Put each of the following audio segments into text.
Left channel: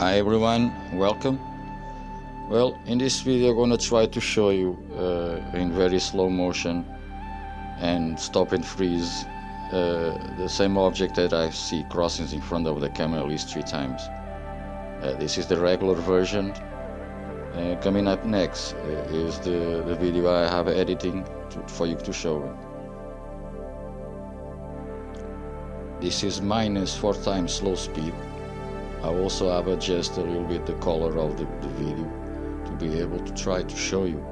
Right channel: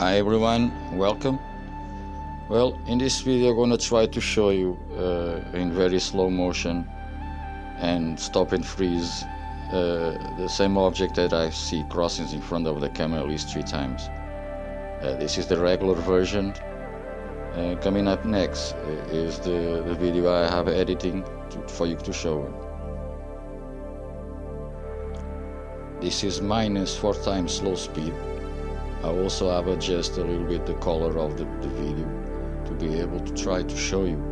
Hi everyone, welcome. Well, in this video I'm gonna try to show you in very slow motion and stop and freeze the same object that I see crossing in front of the camera at least 3 times. This is the regular version. Coming up next is the video I have editing for you to show. This is minus 4 times slow speed. I also have adjusted a little bit the color of the video to be able to try to show you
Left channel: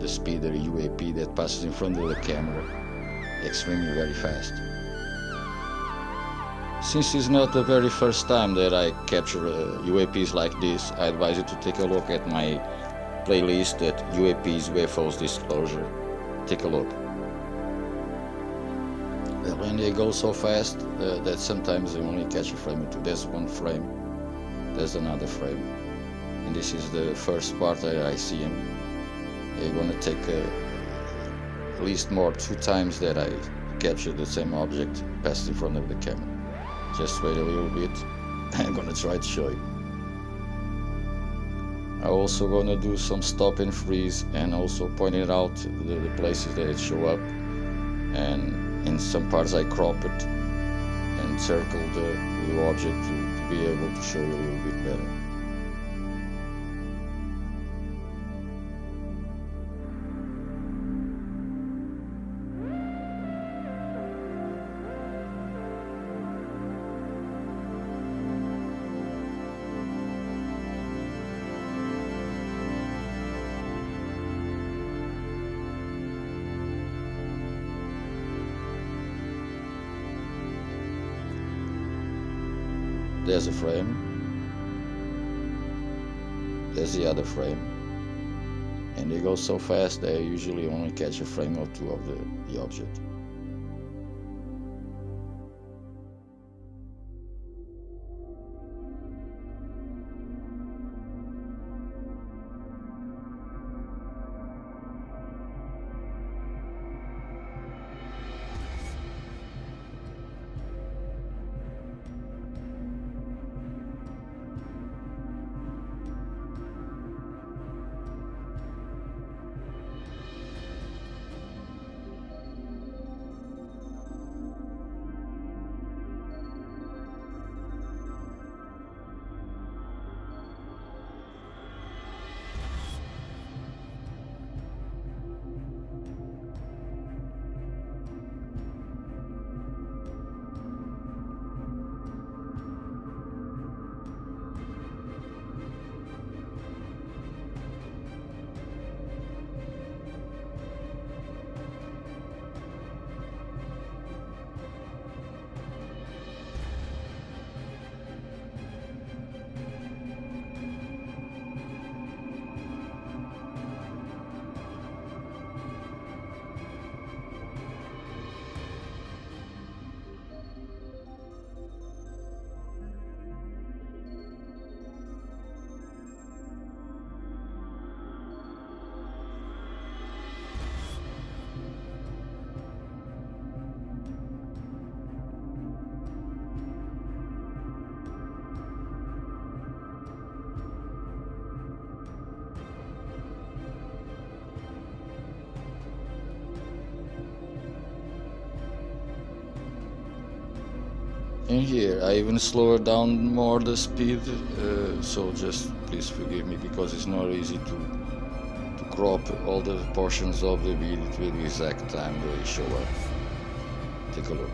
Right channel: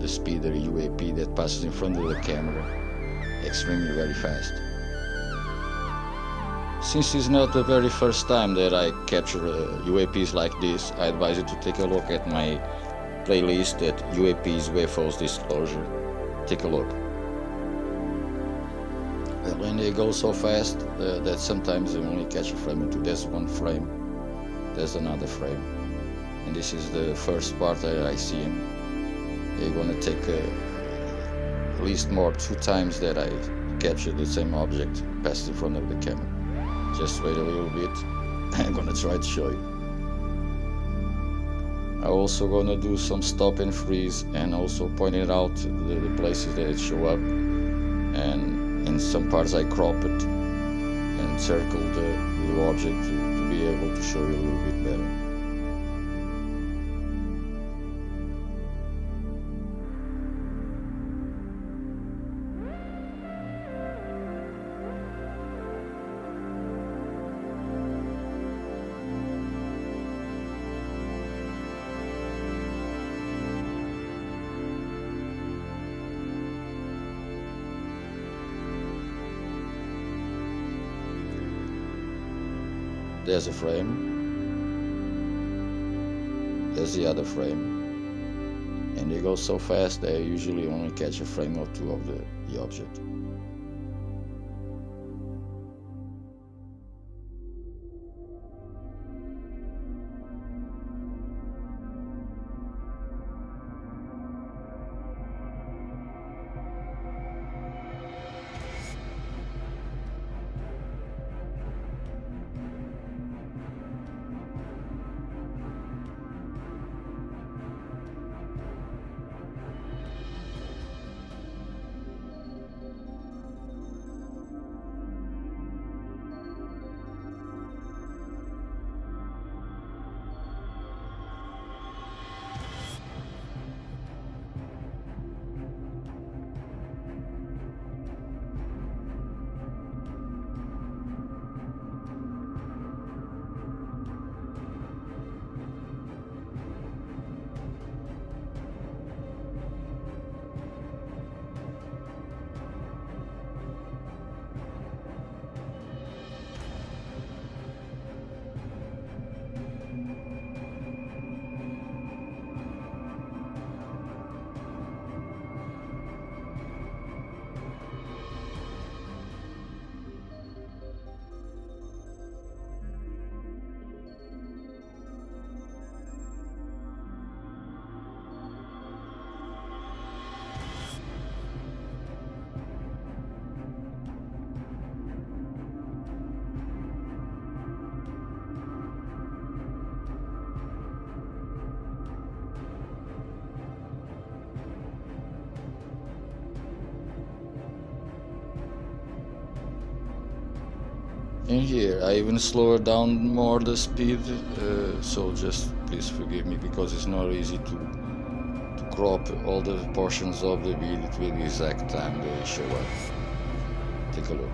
the speed of the UAP that passes in front of the camera extremely very fast. Since it's not the very first time that I capture UAPs like this, I advise you to take a look at my playlist at UAPs UFOs Disclosure. Take a look. When they go so fast that sometimes they only catch a frame or two. There's one frame, there's another frame, and this is the first part that I see him. You're gonna take at least more 2 times that I capture the same object passed in front of the camera. Just wait a little bit. I'm gonna try to show you. I'm also gonna do some stop and freeze and also pointing out the places that it show up, and in some parts I crop it and circle the object to be able to show you a little bit better. There's a frame, there's the other frame, and they go so fast that I usually only catch a frame or 2 of the object. In here I even slower down more the speed, so just please forgive me because it's not easy to crop all the portions of the video to the exact time they show up. Take a look.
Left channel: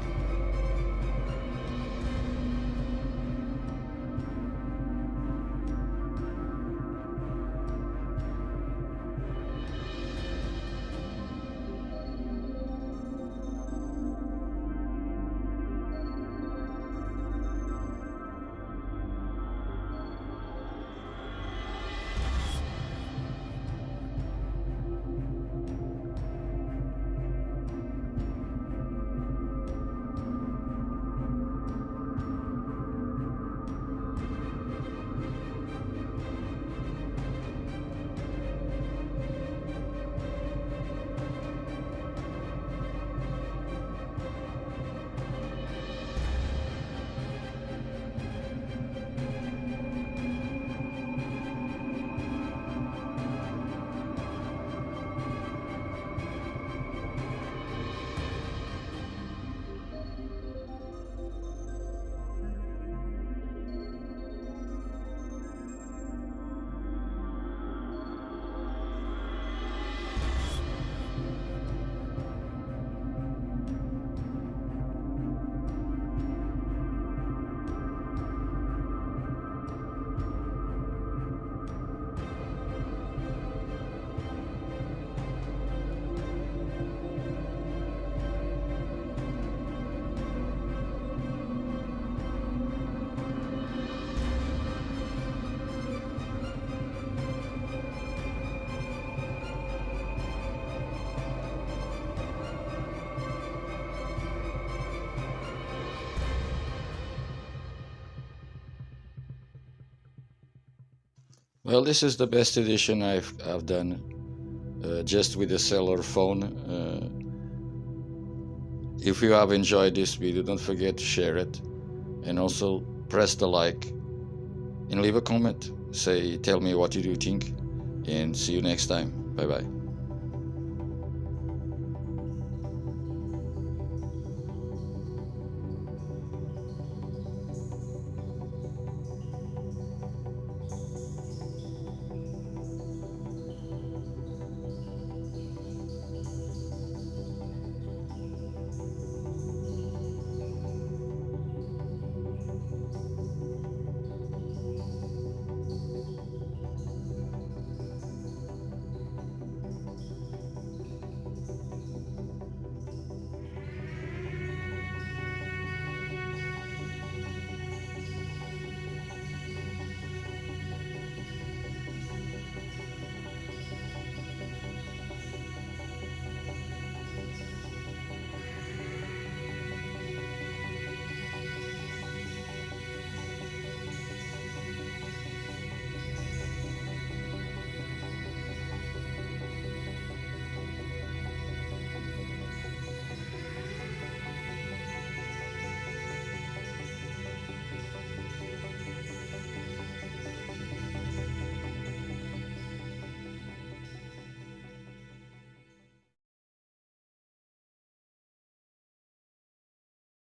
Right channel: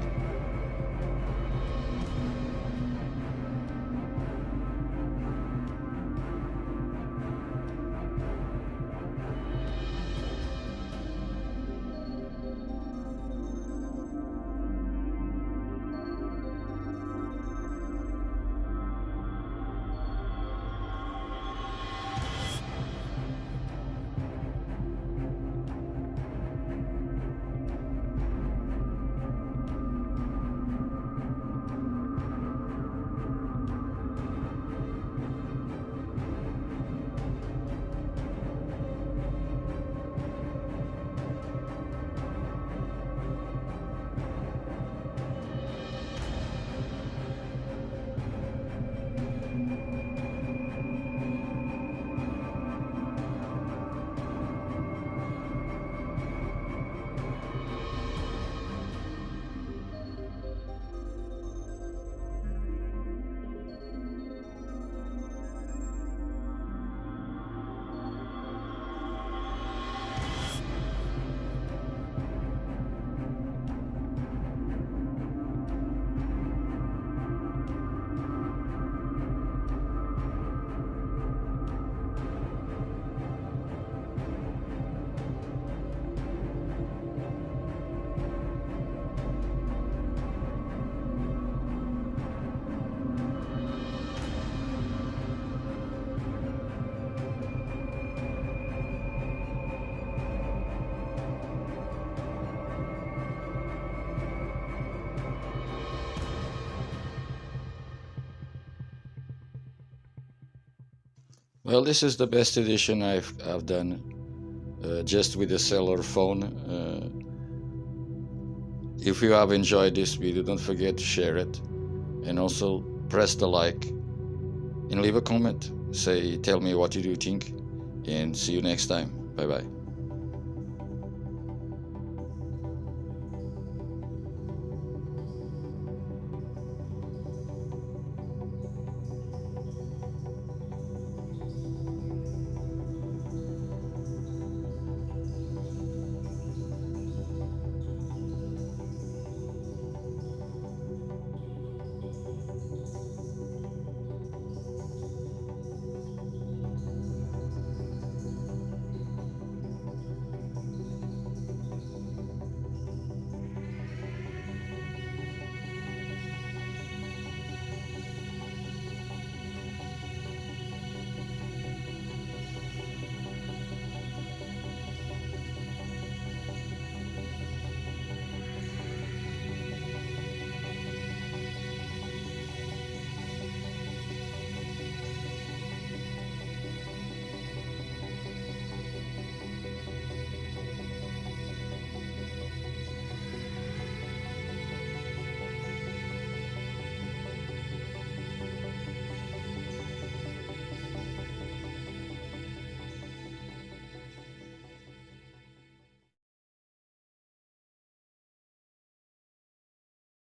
Well, this is the best edition I've done, just with the cellular phone. If you have enjoyed this video, don't forget to share it, and also press the like and leave a comment. Tell me what you do think, and see you next time. Bye bye.